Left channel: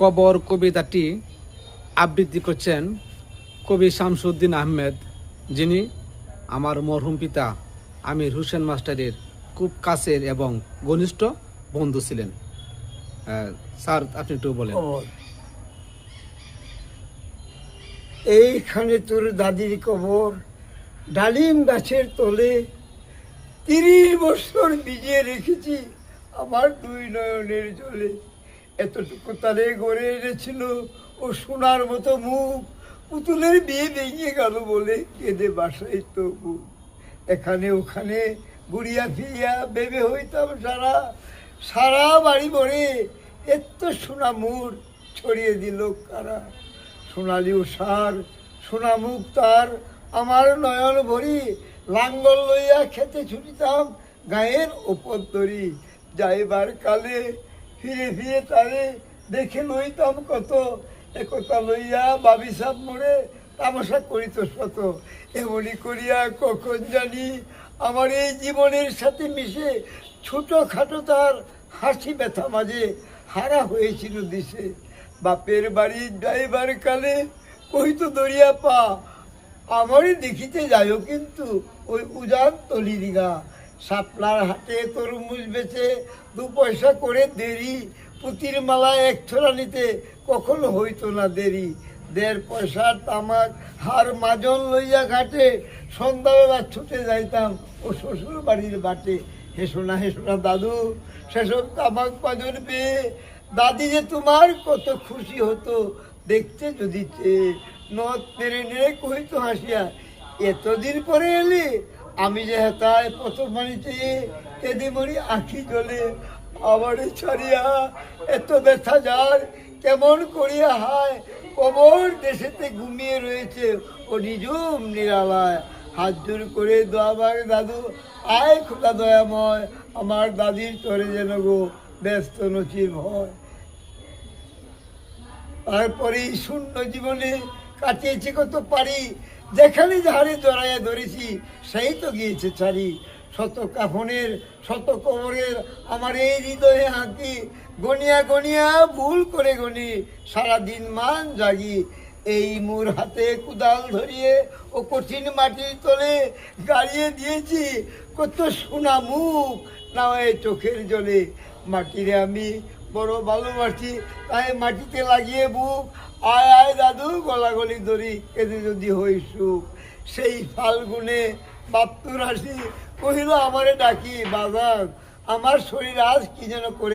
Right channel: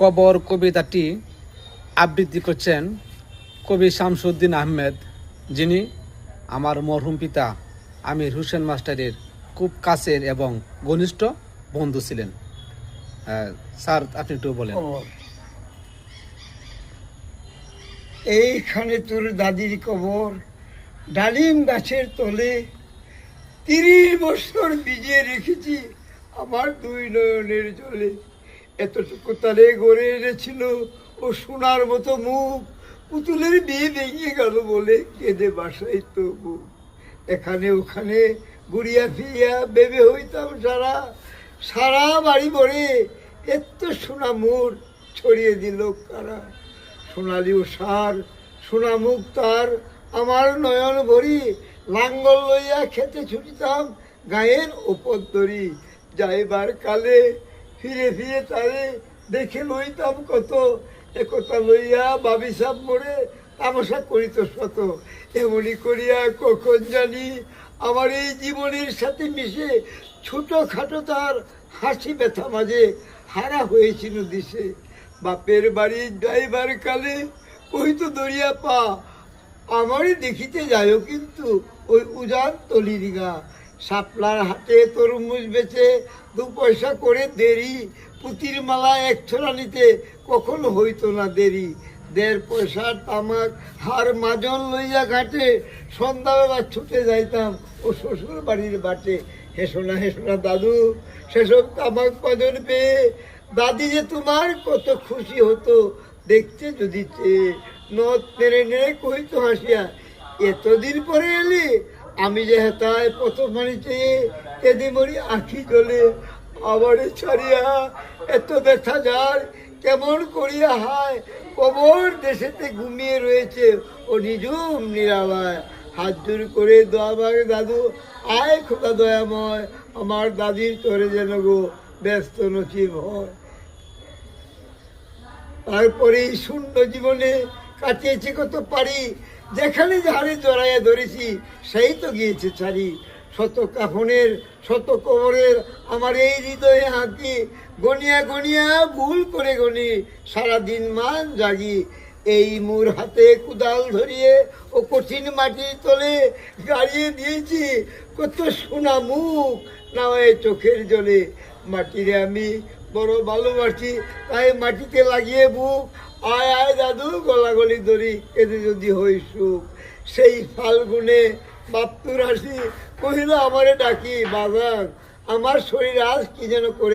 কবর কবিতাটি আবৃত্তি করছেন কবি শামসুদ্দিন আহমেদ, যিনি আমার মরহুম পিতা আমির হোসেন মাস্টারের খুব কাছের এবং ঘনিষ্ঠ বন্ধু ছিলেন। স্যার, আপনি একটু বলেন। এইখানে তোর দাদির কবর, ডালিম গাছের তলে 30 বছর ভিজিয়ে রেখেছি আমার দুই নয়নের জলে। এতটুকু তালে গড়ে এনেছিল ও সোনার মতো মুখ, পুতুলের বিয়ে ভেঙে গেল বলে কেঁদে বাসায় তবু। এখানে ওখানে ঘুরিয়া ফিরিয়া ভেবে হইতাম সারা সারা বাড়ি ভরে, এত সোনা মুখ ছড়িয়ে দিল কারা। সোনালি উষার সোনা মুখ তার আমার নয়ন ভরি, লাঙ্গল লইয়া খেতে ছুটিতাম গায়ের ওপর ধরি। যাইবার কালে ফিরে ফিরে তারে দেখে লইতাম কত, একথা লইয়া বাবিসাব মোড়ে তামাশা করিত শত। এমনি করিয়া কখন জানি আমার এই জীবনের সাথে মিশে ছোটখাটো তার হাসি ব্যথা মাঝে হারা হয়েছিল দিশে। বাপের বাড়ি যাইবার কালে কহিত দরিয়া পা, আমারই দেখিতে যাইও কিন্তু ওই উজান তলির গা। শাপলার হাটে তরমুজ বেচে 2 পয়সা করে দেরি, পুতির মালা 1 ছড়া নিতে কখনো হইতো না দেরি। 1.5 পয়সার তামাক হার মাজন লইয়া ঘাটে, সন্ধ্যাবেলা ছুটে যাইতাম ও শ্বশুর বাড়ির বাটে। হেসো না দাদু, সেসব তামাক মাজন পেয়ে দাদি যে তোমার কত খুশি হতো দেখতে যদি চেয়ে। নদ মেরে নেড়ে কহিত হাসিয়া, এতদিন পরে এলি, আমি যে হেতায় প্রথম বাড়িতে কেঁদে মরি আঁখি জলে। আবারে ছাড়িয়া এত ব্যথা যার কেমন করিয়া হায়, কবর দেশেতে ঘুমিয়ে রয়েছে ও নিজুম নিরালায়। হাত জোর করে দোয়াবার দাদু, আয় খোকা দয়াময়, আমার দাদির তরে যেন গো ব্যস্ত নচিব হয়। তারপরে এই শূন্য জীবনে কাটিয়েছি কত পারি, যেখানে যাহারে জড়াইয়া ধরেছি সেই তো গিয়েছে ছাড়ি। শত কাফনের শত কবরের আমার এই হৃদয়ে হাতি, গনিয়া গনিয়া ভুল করে গনি সারাদিন মান জাগি। এই মোর হাতে কুদাল ধরিয়ে ও কঠিন মাটির তলে গাড়িয়ে দিয়েছি কত সোনা মুখ নামে চোখের জলে। মাটিরে আমি বড় ভালোবাসি, তাই মাটিতে লাগিয়ে বুক। আয় আয় দাদু, গলাগলি ধরি এতে যদি হই সুখ। সেই ফাল্গুনে বাপ্তুর হাসি কহিল আমারে ডাকি, বাজার আমার শরীর আজ কি যেন করে